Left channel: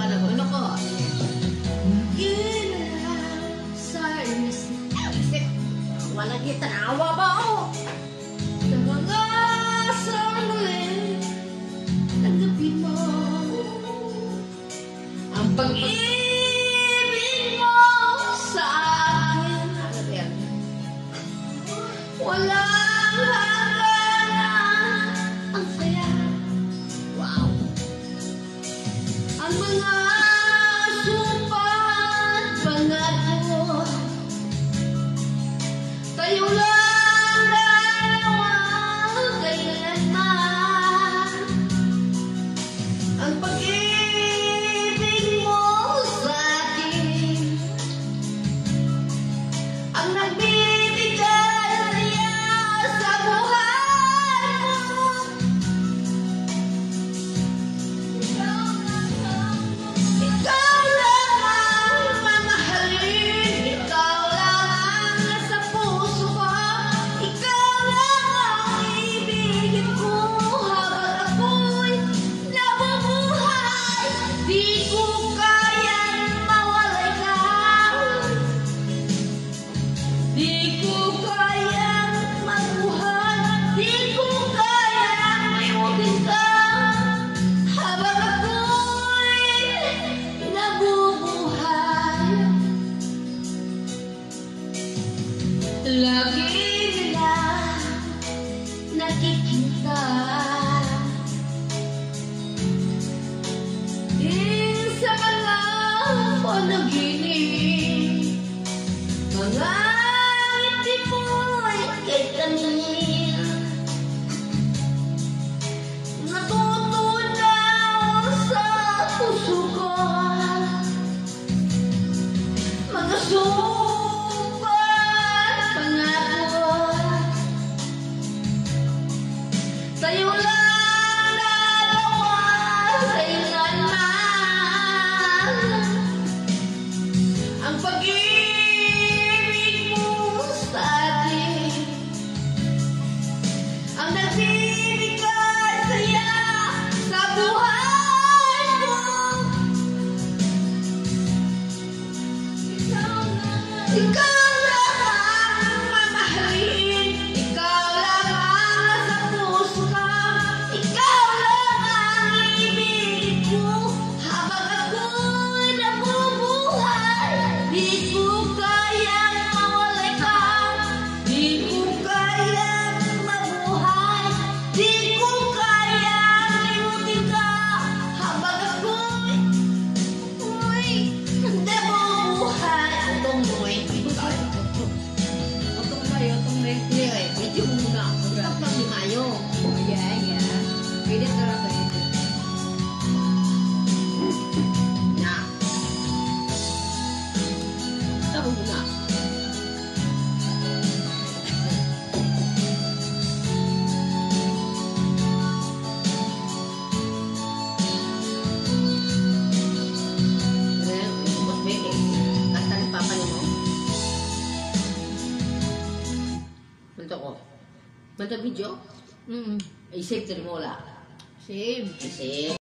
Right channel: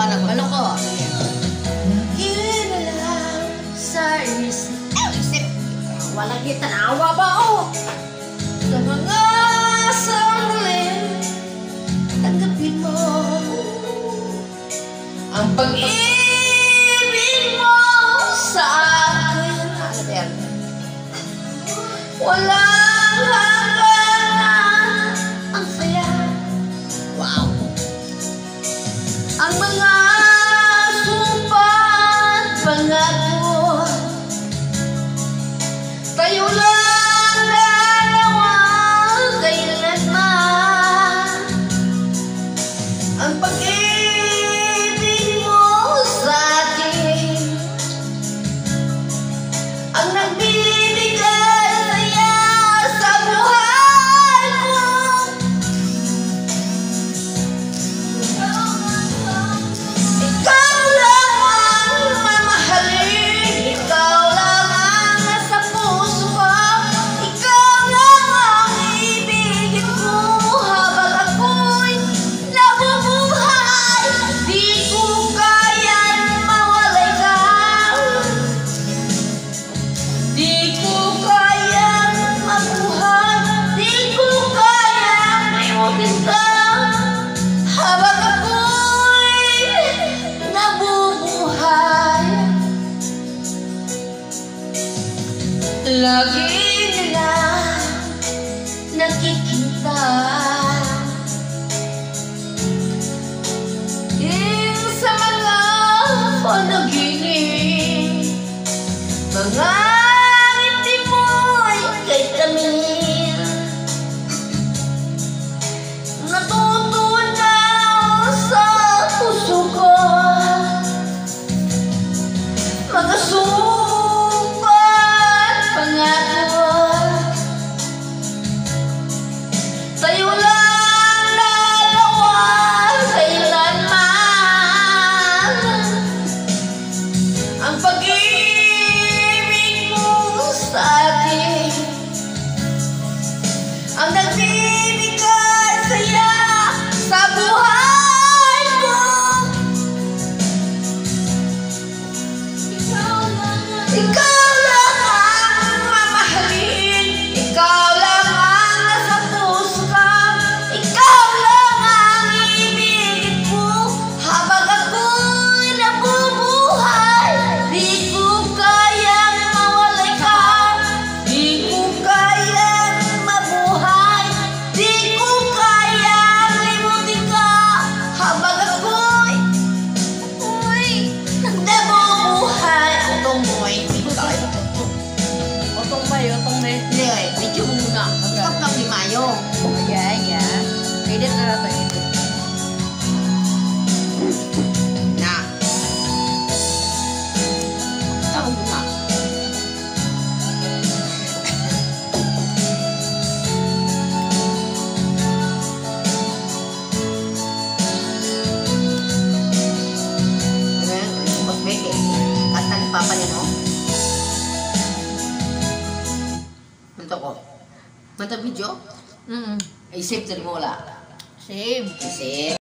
anak ko. Ano ko? Nagilala sa isip. Walang kita naawa ba oh? Sa mga sandali, tanggapin mo ang pag-ibig mo sa akin. Walang hanggan ang saya. Wow. Ang mga sumpa at pangako, tayo lang dalawa kailanman. Ang pag-ibig mo sa akin ang nagbibigay saya sa buhay ko. Ikaw lang ang mamahalin, ikaw lang ang nasa puso ko, ikaw lang ang ibigin ko habang ako'y nabubuhay. Di ko kayang mawalay ka, di ko kayang mabuhay, di ko kayang mayutin ka habang ako'y nabubuhay. Lagi nila nakikita sa mga panaginip, mga ngiti mo'y kay tamin. Natutunaw sa puso ko mga sumpah at pangako. Tayo lang dalawa kailanman. Ang pag-ibig mo sa akin ang nagbibigay saya sa buhay ko. Ikaw lang ang mamahalin, ikaw lang ang nasa puso ko, ikaw lang ang ibigin ko habang ako'y nabubuhay. Di ko kayang mawalay ka, di ko kayang mabuhay, di ko kayang limutin ka habang ako'y nabubuhay. Otong boy, Otong ba yun? Otong na yun? video mo muna. Stop lang ni Mayo. Ayan. Edit na natin. Edit. Na. Stop mo muna. Mas beke. Kanta ni Papa niya, no? Punta ko. Punta video? Ay, save tali mo wala. Save. Save.